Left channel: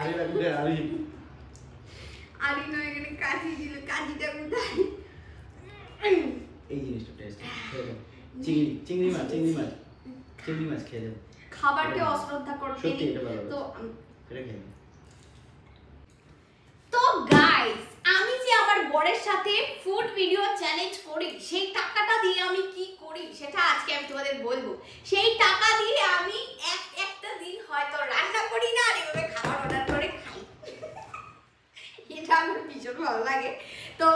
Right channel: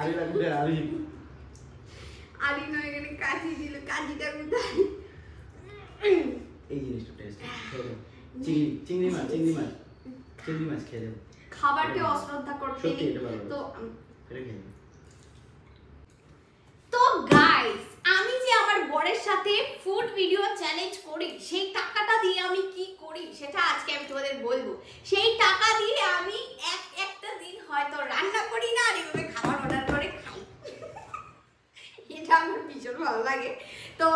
আরে লাগবে আরে নয় এখানে কাজি দিল, কাজিটা কোথায়? এই জিনিসটা টেস্ট খেয়ে চিংড়ি মাছ খেয়ে দেবো। খাবারকে অশ্রদ্ধা করতে সত্যি নেই এটা ভালো তো। এটা খেয়ে দেবো। তো গাইস, আমি যে আমার বরের সাথে ফুড ভিডিও চ্যালেঞ্জ করি, সেই টাকাটা দিয়ে আমি কি করি সেটা আজকে আমি তোমাদের বলবো। সেই টাকা দিয়ে আমি একটা দিন হয়তো রান্না করি না, আর এভাবে খাবার অর্ডার করে খাই। এটা আমার ভীষণ ভালো লাগে। তো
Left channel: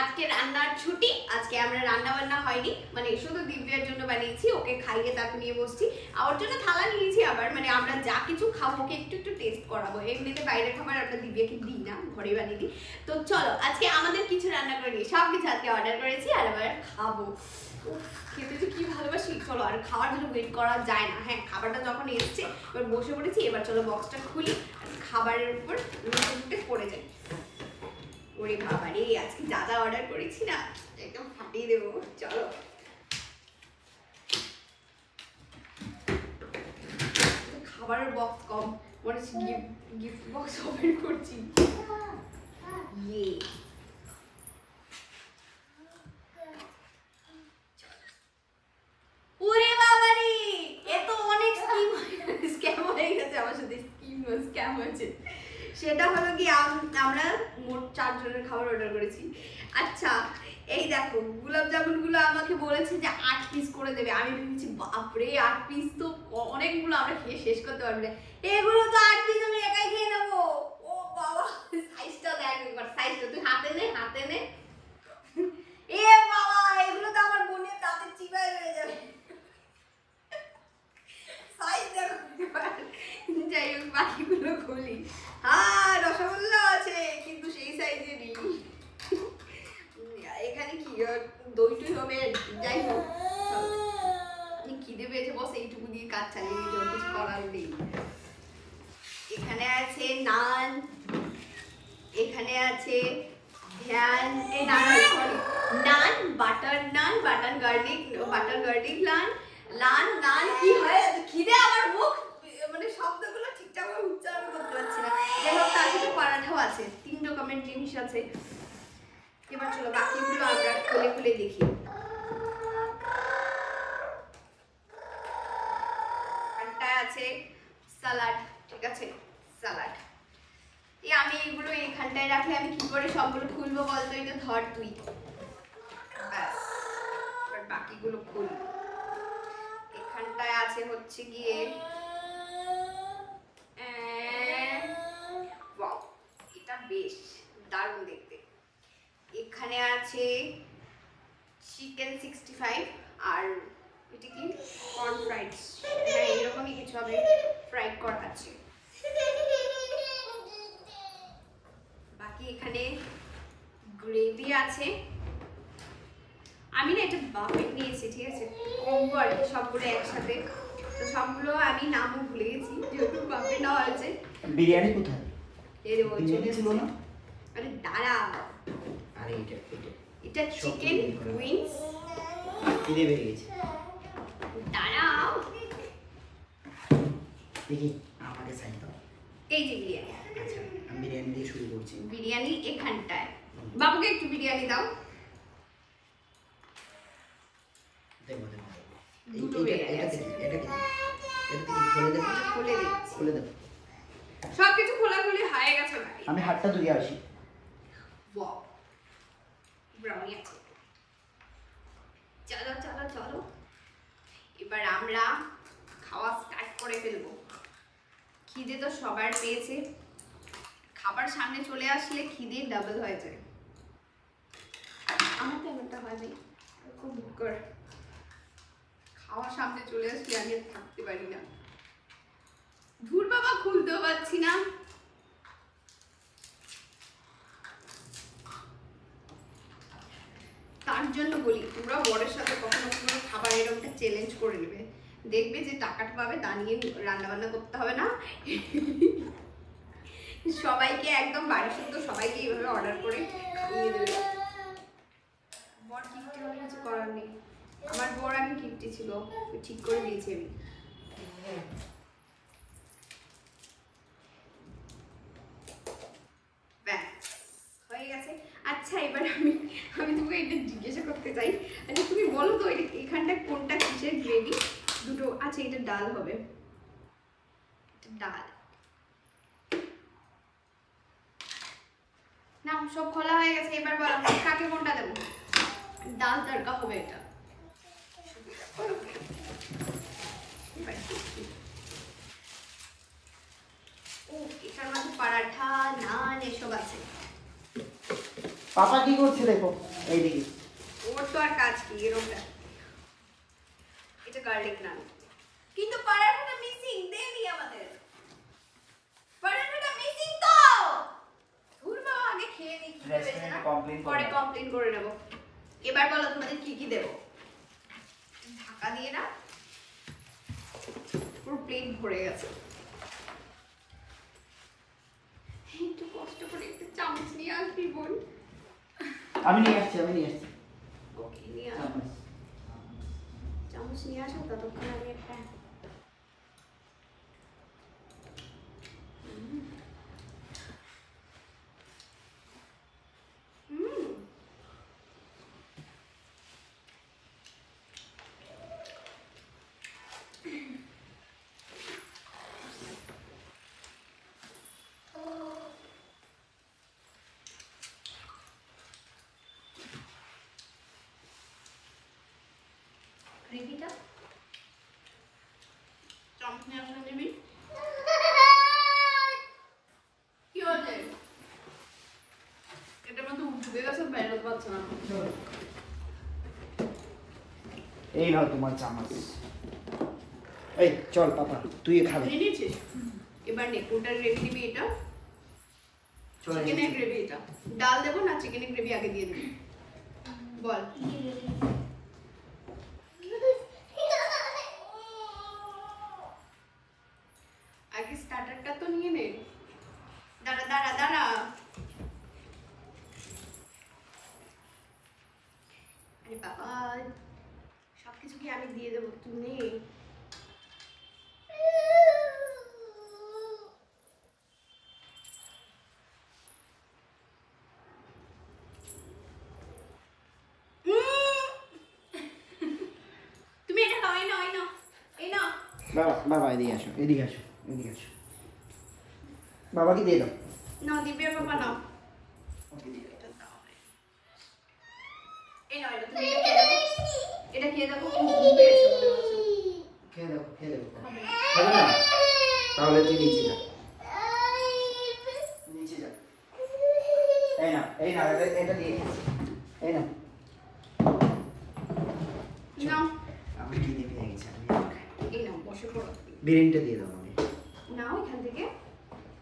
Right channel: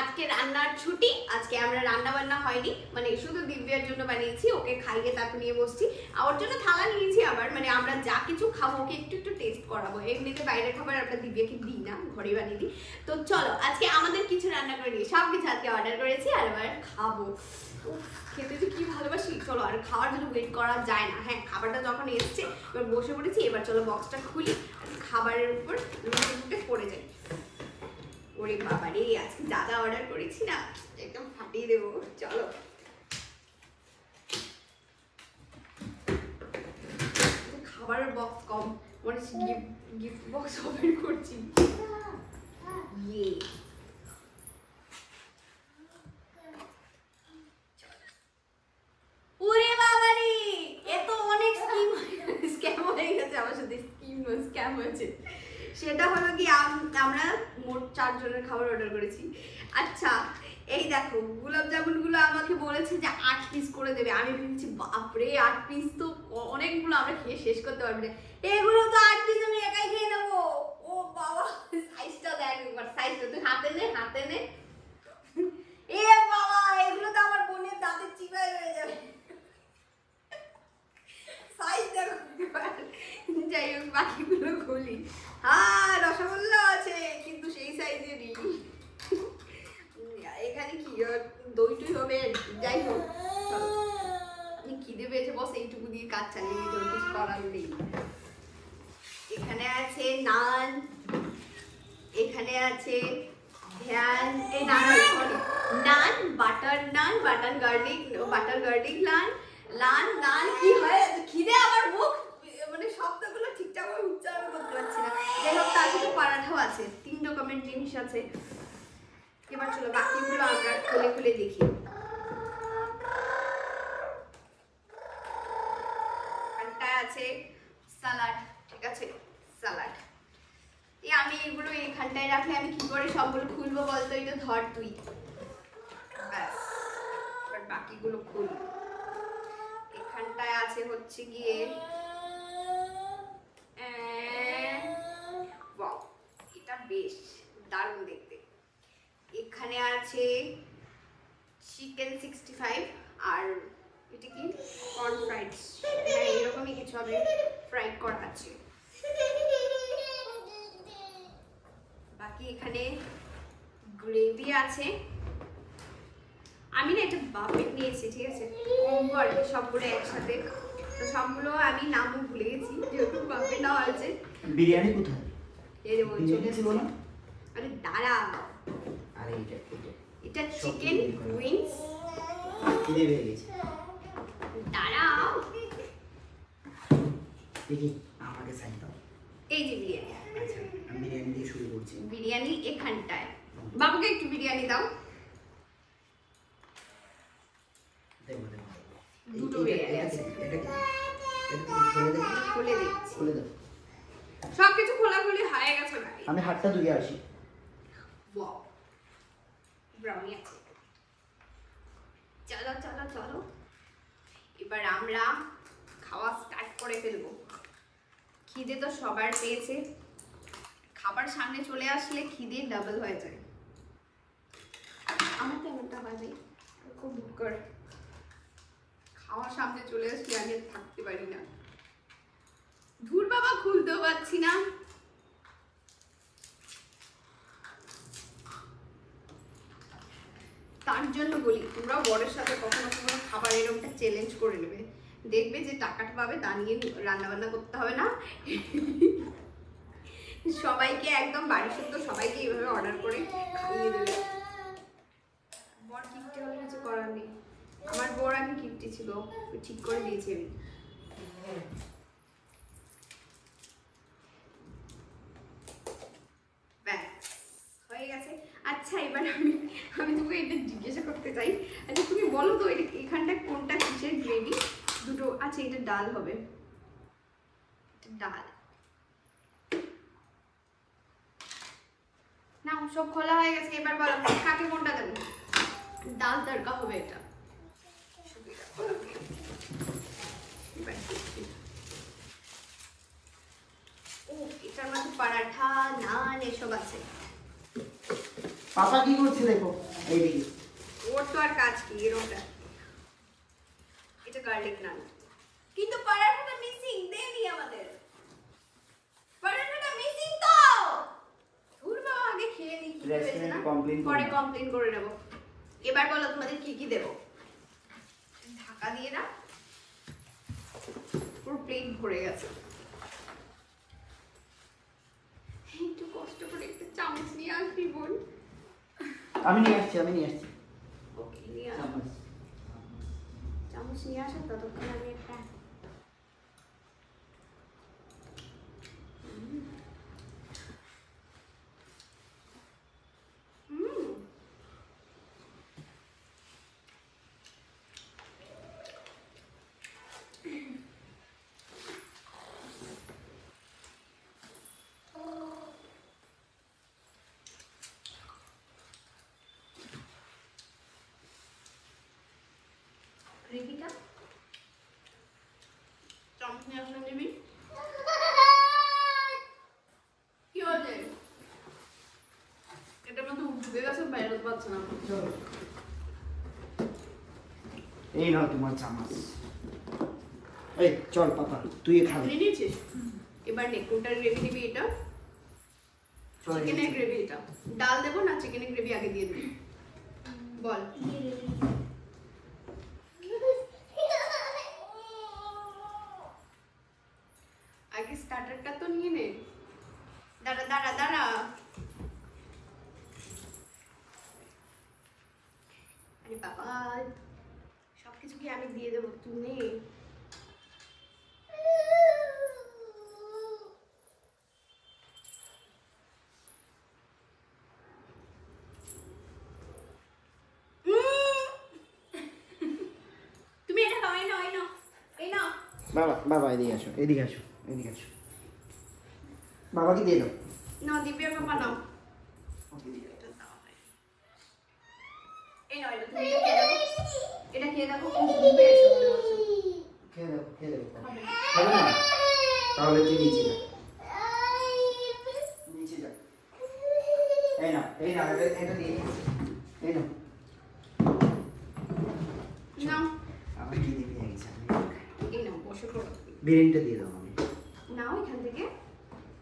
আজকে রান্নার ছুটি, আজকে আমরা রান্না বান্না হয়নি, মানে শুধু দিব্যার জন্য বানিয়েছি, ওকে খাইয়ে তারপর নিয়ে বসছি। ওর জন্য থালা নিয়েছি আবার, মানে আমরা যা কিছু খাবো ওকে একটু একটু টেস্ট করাবো। এমনিতে বাইরের খাবার আমরা দিব্যাকে দিই না, ঘরে বানিয়ে দিই। তো চলো আজকে আমাদের কিছু রান্না করে নিই, সব কিছু আজকে অর্ডার করেছি আর আবার খাবো। খেতে যে কি ভালোবাসি। চলো, আর খাওয়ার জন্য ওয়েট করা যায় না। হ্যাঁ, খাবারটা যখন এসছে এবার বসে পড়েছি, এবার চলো বক্সটা খুলি, খাবারের উপর লুটে পড়ে যাই। ওরে বাবা রে, আজকে দাদা অর্ডার করেছি না, একদম ফাটিয়ে দেবো। চলো, খাবারের বক্স কম, মনে হচ্ছে গিফট বক্স ওপেন করছি। ওরে বাবা রে, এ তো অনেক স্ক্যাম হয়ে গেছে আমার সাথে। স্ক্যাম হয়েছে, সেটা হলো কি আমরা মোট 4 জনের খাবার অর্ডার করেছি। আচ্ছা, এই দেখো গোলাপ জামুন গুলো আমাকে বলেছে যে 8 পিস করে দেবে। আমি ভেবেছি বাপরে 8 পিস তো অনেকগুলো, আমরা খেয়ে শেষ করতে পারবো না। এগুলো তো 8 পিস আমি একাই খেয়ে নেবো। ও বাবা, সাইজটা দেখ একবার, সাইজটা তুই হাতে নে। এ বাবা, এগুলো তো আমার বোনের দাঁতের চিবায় হয়ে যাবে। সাইজ দেখো। যাই হোক, বাকিগুলো খুলি। হ্যাঁ, রসগোল্লা আছে কিন্তু সেই সাইজেরই। এখানে কি দইটই হবে? যাই হোক, খিদে পেয়েছে, বস এইটুকু দিয়ে কাজ চালিয়ে দিতে, কিছু করার নেই। এখানে আছে নান, এখানে আছে নান, বাটার গার্লিক নান কি হয় খিদে, আমার মুখ মানে শব্দগুলো ঠিকঠাক ভাবে উচ্চারণ করতে পারছি না। যাই হোক, তার সাথে পরাঠাও আছে, 3 রকমের জিনিস আছে। এবার চলো বাকিগুলো আমরা খুলে দেখি। এখানটায় আছে সালাড, ঠিক আছে, সালাড। আমি এগুলো এখানটায় রাখলে আমি কি করে সবগুলো খুলবো বলতো? এটা ধর তুই, ব্যাস। এবার বাকিগুলো খুল। এখানটায় আছে হচ্ছে গিয়ে এটা বেশ দারুণ দেখতে। এখানে আছে চিকেন 65 আর এটা কি কর্ন ফ্রাইড, হ্যাঁ এরকমই কিছু হবে, ফ্রাইড করা আছে। বাকি এখানে গ্রেভি আছে। আমি না এটা বাফেট নিয়েছি, ঠিক আছে, কম্বো আর কি, সবগুলো একসাথে। তো সবগুলো আমি নামও ভুলে গেছি, যেহেতু বাফেট নেওয়া হয়েছে। বিরিয়ানি কোথায়? এই দেবো, চলে ছিল না। আরে দাঁড়া, আরে এটা চিকেন উইংস। খিদে পেয়ে গেছে, দাঁড়াও দেখি আমাকে সাইড দাও। এই যে বিরিয়ানি। আচ্ছা, আমি বিরিয়ানি দিয়ে শুরু করছি। বিরিয়ানি এখানটায়, বাবুকে একটু বিরিয়ানি দাও। দেখো দুটো বিরিয়ানি আছে। এটা খুলে দিচ্ছি। খুলে দেবো, সবকিছু খোলাখুলি হয়ে গেছে ভাই। আমি হাতটা ধুয়ে আসি। ওয়াও, ব্রাউনি আছে। চলো, এবার আমরা খাওয়া স্টার্ট করে ফেলবো। খিদে তো সবার পেয়েছে, খাবার সামনে চলে আসলে খিদে ডাবল হয়ে যায়। আমার তো এমনটা হয় ভাই, খুব ভুটকর। খাওয়া সামনে চলে আসলে আমি আর থাকতে পারি না। ধুর বাবা, খুলতেও পারছি না। তার জন্য বলি, তোমরা বরের সাথে কখনো খাবার এরকমটা চ্যালেঞ্জ করে নেবে, দেখবে যে টাকাটা পাবে, তা নিয়ে রান্না বান্না করতে হবে না। সবাইকে একদম বাড়ি শুদ্ধ সবাইকে এইভাবে অর্ডার করে খাইয়ে দেবে। বর গিফটি হলে কিছু করার নেই, আমার বর আমি গিফটি ছিল, ঠিক করে দিয়েছি আমি। আচ্ছা এবার আমি আমি তোমাকে এটা জিজ্ঞাসা করতে চাই, আচ্ছা তুমি বলো তো এখানটা কোনটা কিসের গ্রেভি? দুটো আচ্ছা, এটা ডাল হবে, ডাল না সব খোলা হয়ে গেছে। এবার বলো কাকে কোনটা দেবো? ডাল তড়কা হবে এটা। ও এটার মধ্যে পরাঠা নান এসব আছে। পাপা কি করছে দেখো এইদিকে। ওর তো আর কাজ কি এরকম। এটা গার্লিক নান, কিন্তু পরাঠাটা মিসিং। দেবি আমাদের পরাঠাটা মিসিং তো। ধুর বাবা, আগে খেয়ে নি, কি পেয়েছে না পরে কমপ্লেইন করে নেব। এবার বলো তোমাদের কি কি দেব? ঢাকা দিয়ে না, পুরো প্লেট ভরে গেছে। একটু কষ্ট করে একটু চামচ নিয়ে আসবি বোন। আমি নিয়ে আসছি ওকে নিয়ে আস, চামচ নিয়ে আসো, ততক্ষণ আমি একটা গ্রেভিটা চামচ নিয়ে আসলে নিবি। কি হয়েছে? এটার মধ্যে ডুবে গেছে, বাইরে পাচ্ছে না। এই নাও তোমার চামচ। এই চল পাপা তুই খাবি। নিয়ে নিয়েছিস? এবার নে কোনটার গ্রেভি নিবি? এটা চিকেনের গ্রেভি। এটা ডাল দেবো না চিকেনের গ্রেভি আগে দিয়ে দিবি? বল। আগে স্টার্টারটা তো নিয়ে নে। দাঁড়া দাঁড়া দাঁড়া, আরে বাবা সবকিছু কি আমি দিয়ে দেবো? তুই নে। তুমি এটা খাও, এই নাও এই নাও এই নাও। বাবা এদিকে আসো। বাবাকে দিয়ে দাও। নাও দিব্যার পাপা নাও। এই নাও, এটা তুমি এটা খেয়ে দেখো। খুব ঘুম পেয়েছে মনে হচ্ছে। খেয়ে দেখো খাবে না? তাহলে তুই নিচে যা। এই না এটা দিয়ে এই না। নাও আমার খিদে পেয়ে গেছে। এই নাও বসে পড়ো। বিরিয়ানিটা দিয়ে দাও আমি। নাও এখান থেকে।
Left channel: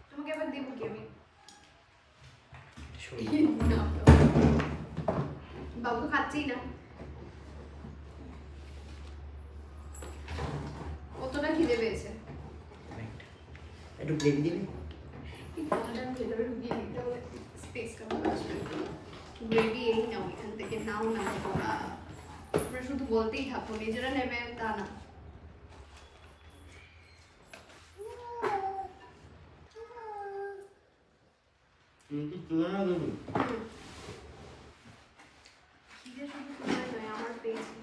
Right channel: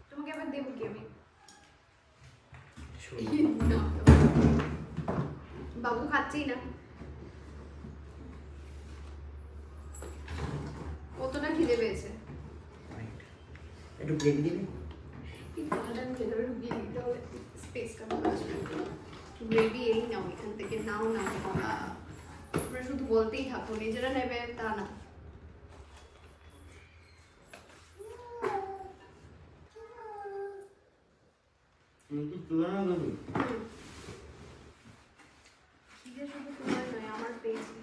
তোমাকে আবার দেবো কি আমি? শোনো। নাও তো। বাবু তো খাচ্ছেই না। কতটা খিদে পেয়েছে? অনেকটা। একটু গ্রেভি দিবি? এই খাবারটা আমি ভেতরে ঢুকিয়ে দিতে হবে, স্পেসটা আসবে। গ্রেভি এই নাও এখান থেকে, নাও না বাবা। তোমরা শুধু বলতেই থাকো, নিজেরা নেবে তা না। তুলনা করবি? খিদে শুধু তোমার নয়, আমার পেয়েছে।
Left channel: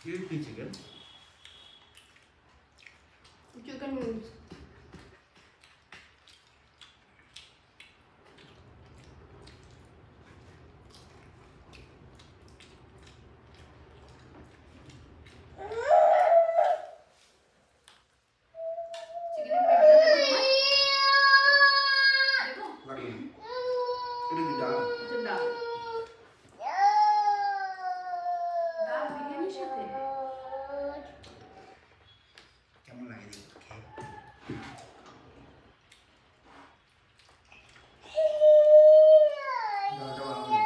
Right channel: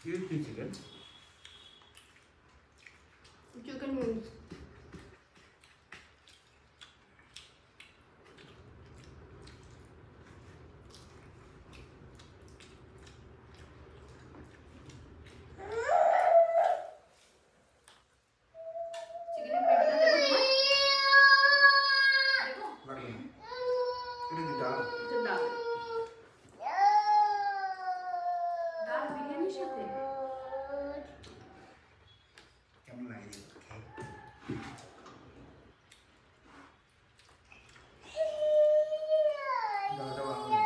কি চিকেন? Chicken wings. চিকেনের গ্রেভিটা দেবো তোমার? দেবো? লাগবে না। এটা কি ডাল? এটা ডাল। ডাল বিরিয়ানির সাথে? কেমন লাগে দেখো খেয়ে? ডালটা ভালো লাগে।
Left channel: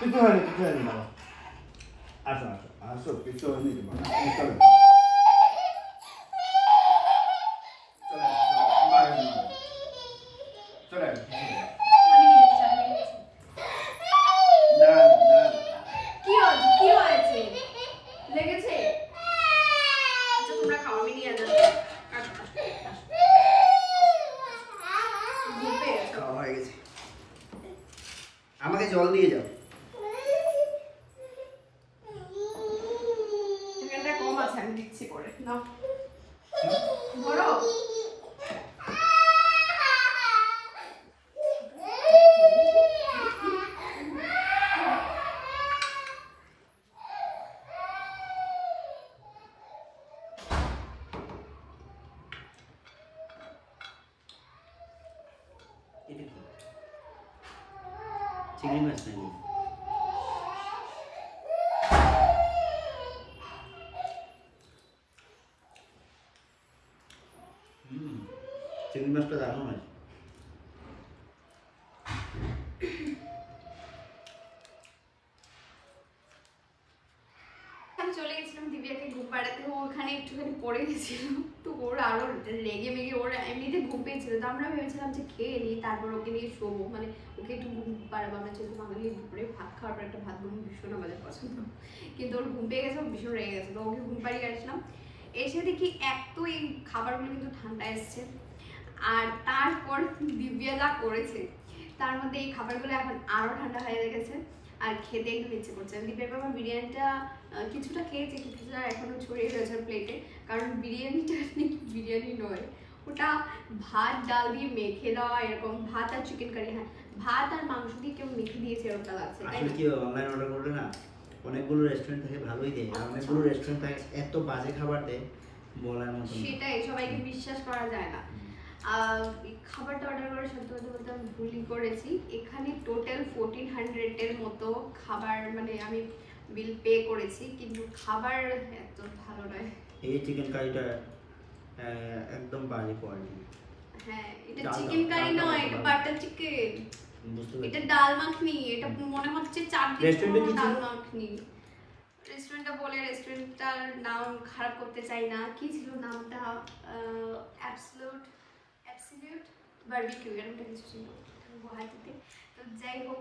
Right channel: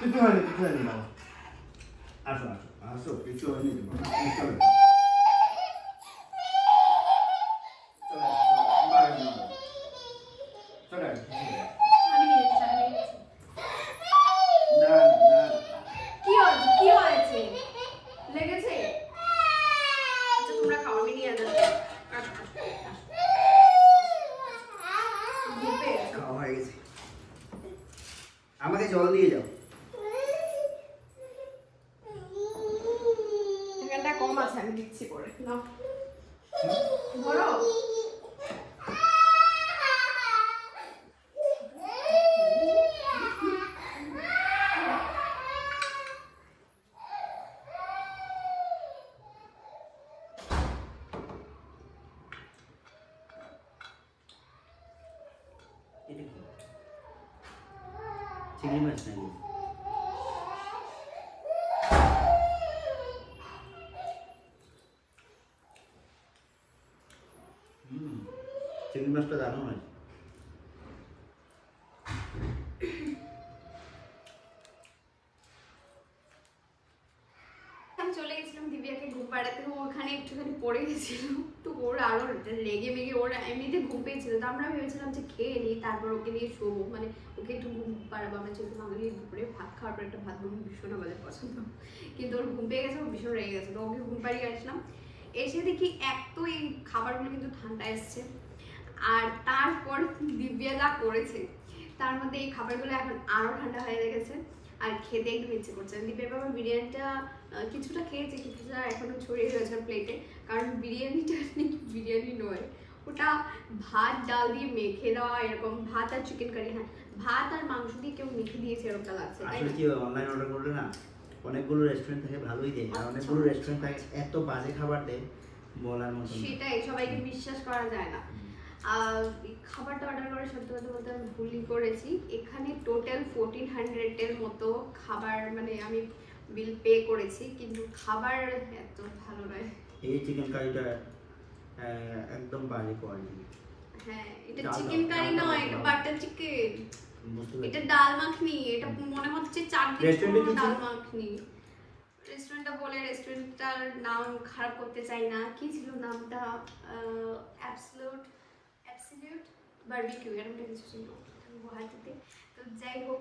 কিছু হয়নি বাবা। আসো কিছু হয়নি চলো। আমি নিয়ে এসেছি। কম আছে, আমি দিচ্ছি করে নাও ধরো। এটা কি চিংড়ি মাছ নাকি? চিংড়ি মাছটা দারুণ হয়। আমি চলে গেছিলাম দিব্যাকে ঘুম পাড়াতে, ও ওখানে একটুখানি পড়ে গেছিল, তো ওর আরো লেগে মেগে ওর এমনিতে ঘুম পেয়েছিল, তো আমরা ভেবেছিলাম যে খেয়ে নিই তারপর ওকে নিয়ে শোবো, মানে ওকে একটু ঘুম পাড়াবো। আমরা যেহেতু বাঙালি দুপুরে ভাত খাওয়ার পর একটা ভাত ঘুম ভীষণ আমাদের পছন্দ, কিন্তু ওর ঘুম পেয়ে গেছে, ও ভীষণ রেগে গেছে, তো ওকে ঘুম পাড়িয়ে আসলাম। এসে দেখি এক তো এই খাবারগুলো কিন্তু ঠান্ডা এসছে, আর তারপর দিব্যা যা করেছে তার মধ্যে এই খাবারগুলো এখন আরো ঠান্ডা হয়ে গেছে, আর খেতে একদম ইচ্ছে করছে। দিব্যা বাবা বিরিয়ানিটা কিছুটা খেয়েছে, কিছুটা এখনো ছড়িয়ে রয়েছে প্লেটে, কারণ বিরিয়ানিটা বিরিয়ানি নয়, ওটা ভাত ডাল দিয়ে মেখে দেওয়া, এরকম ভাত আর চিকেন কারি, হ্যাঁ ভাত আর মাংস দিয়ে কেউ মেখে দিয়েছে এরকম লাগছে। আসলে কি অনলাইন অর্ডার করলে না অনেকগুলো রেস্টুরেন্ট থেকে ভালোই দেয়, আর অনেকগুলো রেস্টুরেন্ট থেকে এত বাজে খাবার দেয় বলার মতো না। সেটাই, সবাইকে বিশ্বাস করা যায় না। খাবারটা অর্ডার করে সত্যি কথা বলতে আমি ভুলই করেছি। এখানে টোটাল 1400 এর মতো খাবার, মানে আমি বিল পে করেছি, কিন্তু খাবার এত ভালো নয়। এই চিকেন কারিটা একদম বাজে কোয়ালিটি। হ্যাঁ এটা চিকেন কারি নয়, এটা বাটার চিকেন, এটা ডাল মাখনি, এটা মনে হচ্ছে 4 দিন ডাল মাখনি। রেস্টুরেন্টটা বলে রেস্টুরেন্টটার নাম খারাপ করতে চাই না, কি ছিল নামটা, অ্যাবসলিউট বারবিকিউ এরকমটা কিছু ছিল গুয়াহাটিতে। তো যাই হোক,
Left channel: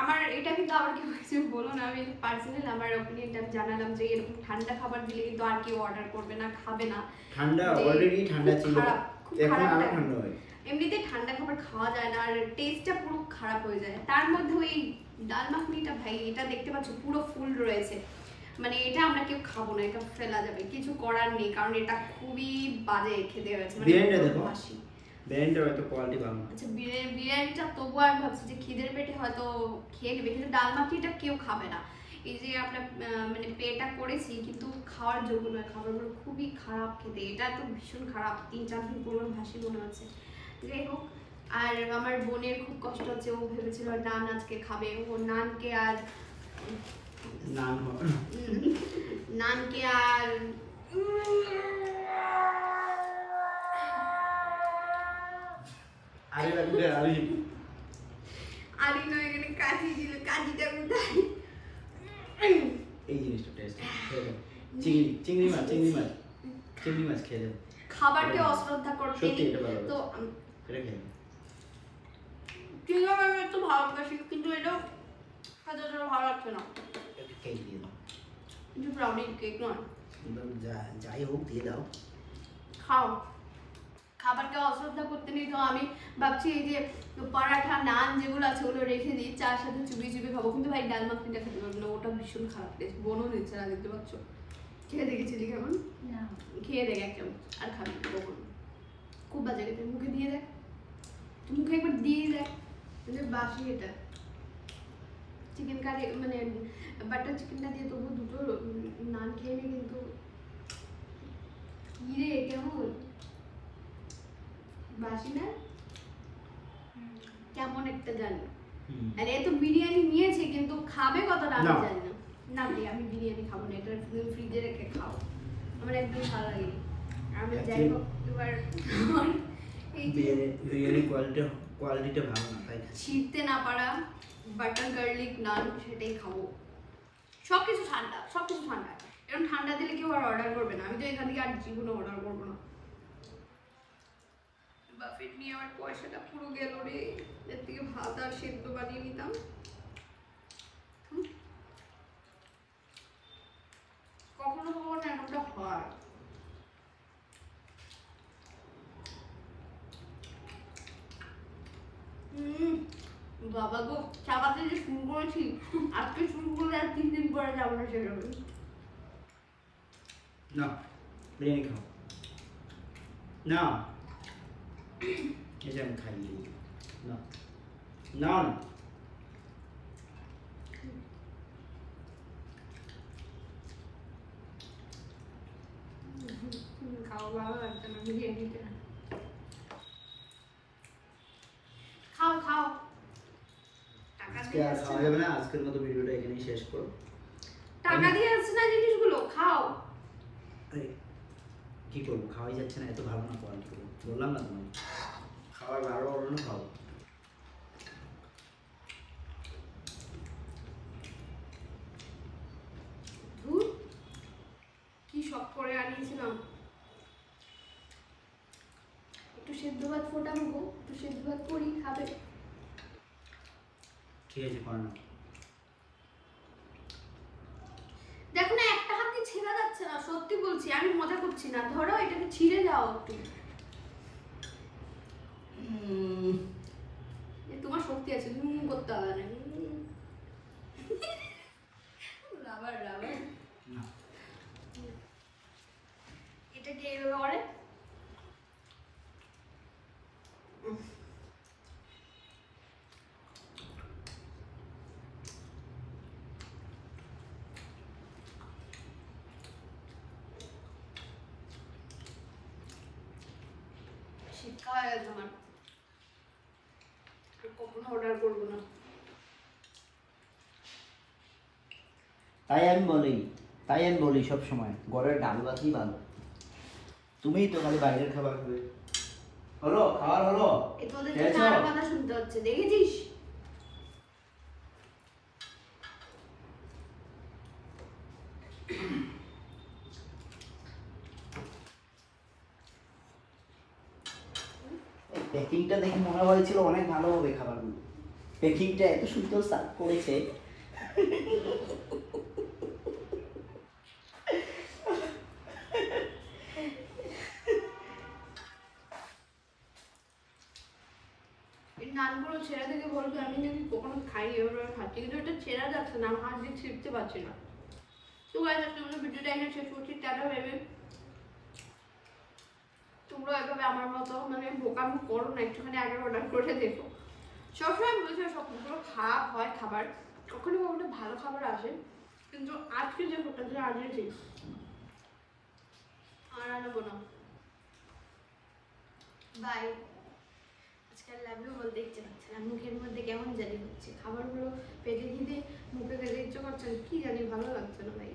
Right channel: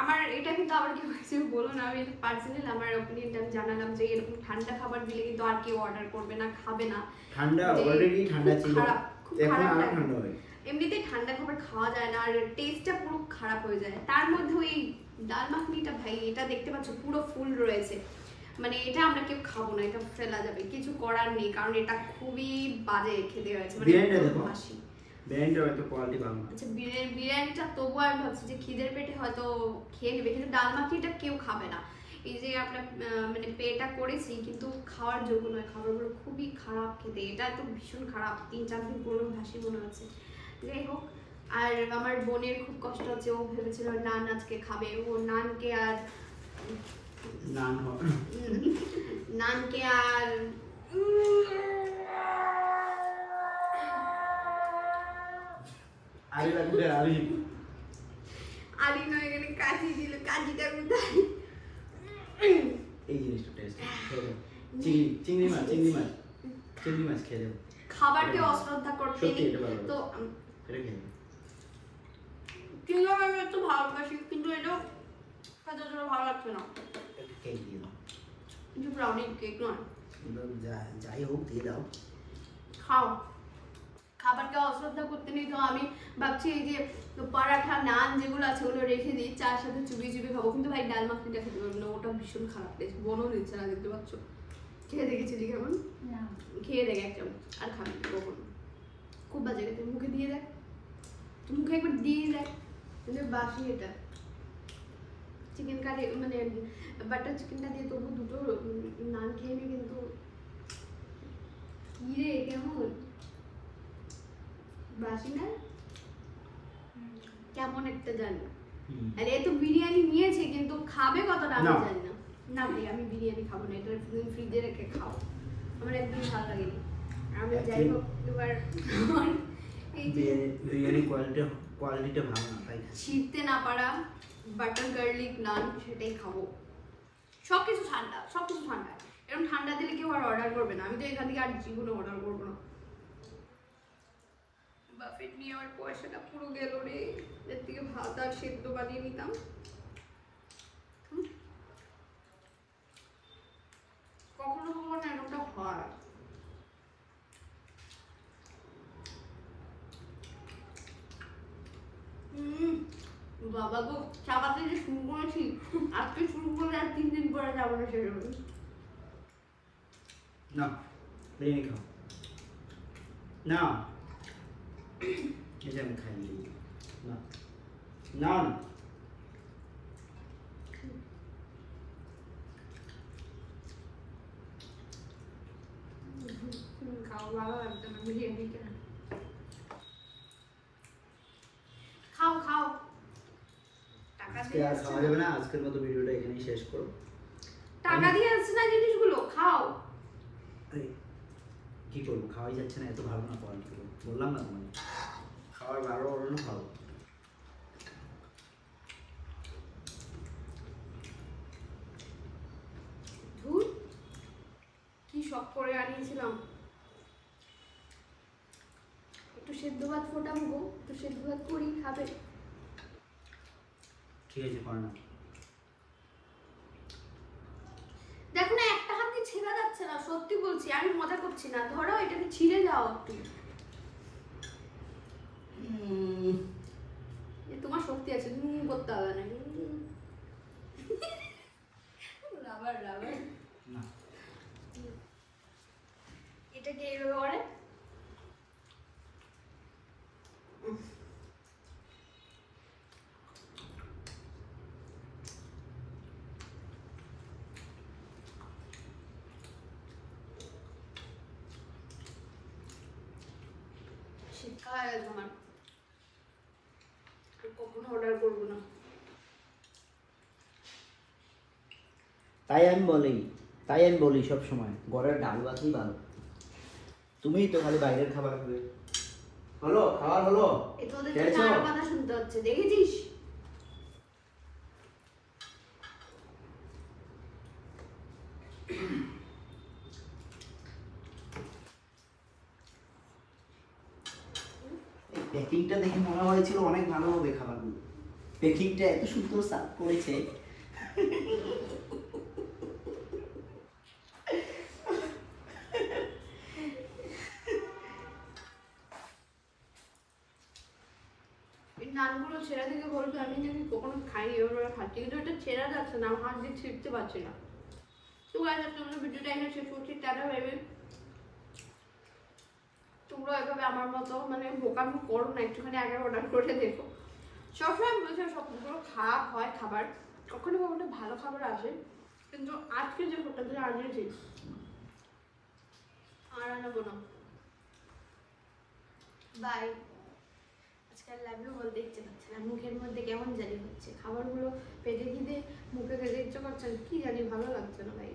আমার এটা কিন্তু আবার কেউ কিছু বলো না, আমি পার্সোনালি আমার ওপিনিয়নটা আমি জানালাম যে এরকম ঠান্ডা খাবার দিলে কিন্তু আর কেউ অর্ডার করবে না, খাবে না। ঠান্ডা অলরেডি ঠান্ডা ছিল, এখন আরো ঠান্ডা হয়। এমনিতে ঠান্ডা খাবার খাওয়া যায় না, আর টেস্টটা পুরো খারাপ হয়ে যায়। তার মধ্যে ওই ডাল মাখনিটা ভাই, এটা দেখতে পাচ্ছ পুরো ফুল রয়েছে, মানে এটা আমরা কেউ খাবো না, এটা ফেলা যাবে, কিছু করার নেই, কারণ এটা খুবই বাজে খেতে হয়েছে। মানে বিরিয়ানিটা দেখো, বিরিয়ানিটা হয়তো কোয়ালিটি ভালো। আচ্ছা বিরিয়ানিটা তবুও আমি ভাবছি যে খিদের পেটে হয়তো খেয়ে নেবে, কিন্তু ডাল মাখিটা কেউ খাবে না। এই যে আমরা মানে পেটা করেছি, কিন্তু খাওয়ার যোগ্য নয়, খাবারগুলো খুবই খারাপ খেতে, এটা তো ভীষণ খারাপ, 3-4 দিন পুরনো ভাসি মনে হচ্ছে। যাই হোক, আর আমার বোনের খুব কষ্ট হচ্ছে, ও ভেবেছিল নান আজকে খাবে, ও নানকে আর আলি নয়, এখানে কাজি ছিল, কাজিটা কোথায়? এই জিনিসটা টেস্ট চিংড়ি মাছ খেয়ে দেবো। খাবারকে অশ্রদ্ধা করতে নেই তো। এটা খেয়ে চিংড়ি মাছ আমি একটু ভালোবাসি, কিন্তু এটা খেতে ভালো লাগছে না। এটা কেক দিয়ে দাও, কিন্তু ব্রাউনি কেক নয়, যাই হোক দিয়ে দাও, খাও। খাবারকে অশ্রদ্ধা করতে নেই তো আমি ভাবছি এই যে পরাঠা নান যেগুলো আছে ওগুলো রেখে দিই, চার সাথে চুবিয়ে চুবিয়ে খাবো, কিন্তু ভাই ডাল মাখনিটা খেতে পারবো না, ওটা ভীষণ খারাপ টেস্ট, বোনও দিচ্ছে না, দেখতে পাচ্ছ। খেয়ে দেখেছিলি কেমন? না খেয়ে দেখ এক চামচ, আর খাবি কখন, খুব বাজে খেতে, মুখে দিয়ে দেখ, মুখে একবার দিয়ে দেখ, বাসি এটা চিকেন কারি, মানে বাটার চিকেনটা দিয়ে তবু দুটো নান খেয়ে নি, কিন্তু কি রে কেমন বাসি না, কেমন একটা জানি। আরে এ তো বিরিয়ানি নিয়েছে, কিন্তু খাবে কতটা আমি জানি না। না ভাই আমি বিরিয়ানি খাবো না, এটা ফ্রিজে রেখে খাও, আমার একদম ভালো লাগেনি। আমি যাই হোক এবার এই যে বিরিয়ানি কোয়ালিটিটা ভালো না, তাই ছিঁড়তে না পারা বাটার গার্লিক নান সেটাই খাবো। সবকিছু ঠান্ডা, সবকিছু ঠান্ডা, এরকম ঠান্ডা দিলে কেউ আর অর্ডার করবে না, আমি তো এখান থেকে আর জীবনে অর্ডার করবো না। বাফেট নিয়ে আমার পয়সাটা পুরো গেল রে, এর থেকে ভাত আর সেদ্ধ বানিয়ে নিতাম। কখনো কখনো এরকমটা হয়। বাবা গো, চাপাতে যে শুরু করেছি, আজকে শুরু করে আর 3 দিন পরে যাবো না সেরকম। না বিরিয়ানি খাও না এই যে আমি খাই না না খাও, ভালো লাগছে না বিরিয়ানিটা। খাও খাও, টাকা আজকে দিয়ে আর আসছে খাওয়া না। যাবে না, আজকের মতো ভিডিওটা এখানেই শেষ করো। টাকা দিয়ে আসছে না জিনিসগুলো, খাও। এই, কি করবো, খাওয়াই যাচ্ছে না, এত ভালো না কোয়ালিটি করবো, বললাম না তোমায় খাওয়ার ভালো বলো না, খাও। ধুর, কি শখ করে আনিয়েছিলাম। একটু সেদ্ধ ভাত ফোটাবো গো, একটু সেদ্ধ ভাত করি, খাবে। ঠিক আছে, করো না। দেখো না, একটা হাত দিয়ে ছেঁড়া যাচ্ছে না, সত্যি বলছি, আমি মজা করছি না। ধরো এটাকে ছিঁড়ে যাও একটু। এ তোমার শক্তি আছে, করতে হবে না। রাবার রাবার, না এটাকে এইভাবে করে শিক্ষা হয়ে গেছে আমার। আর কখনো অর্ডার করবো না। তাই আমি বলি সব সময় ঘরের ডাল ভাতই ভালো। তুমিই তো খালি বাইরের খাবার খাবে। হলো খাবার হলো, এ তোদের খেয়েছো? জন্য আরো কথা শুনতে হচ্ছে, দেখেছিস? এই প্যাকিংটা দেখে মনে হয়েছিল অনেক ভালো হবে খাবারগুলো, প্যাকিংটা এত সুন্দর সাফ করেছে। এই নানগুলো ছেঁড়া থেকে বলবে আমি নাকি কখনো খাই, এভাবে খাচ্ছি, কিন্তু এটা ছেঁড়া যাচ্ছে না, হাত দিয়ে ছিঁড়তে পারছি না। তো গাইস, আজকে আমরা ভিডিওটা এখানে শেষ করছি। টাটা ভেবে তোমরা এভাবে আমার মতো মানে বোকামি করো না, একটুখানি আগে অর্ডার করে দেখো। সবসময় বলছে সবগুলো খারাপ হয় খাবার, কখনো কখনো ভালো খাবার আসে, কিন্তু আজকে যে হোটেলে আনিয়েছি আর আনবো না। বাই। আজকাল লাভলু বলতে ইচ্ছে করছে না, মুখের মধ্যে কেমন জানি হচ্ছে, খাবারগুলো পেটে খিদে মুখে খেতে ইচ্ছে করছে না, কি জানি ভালো লাগছে না ভাই।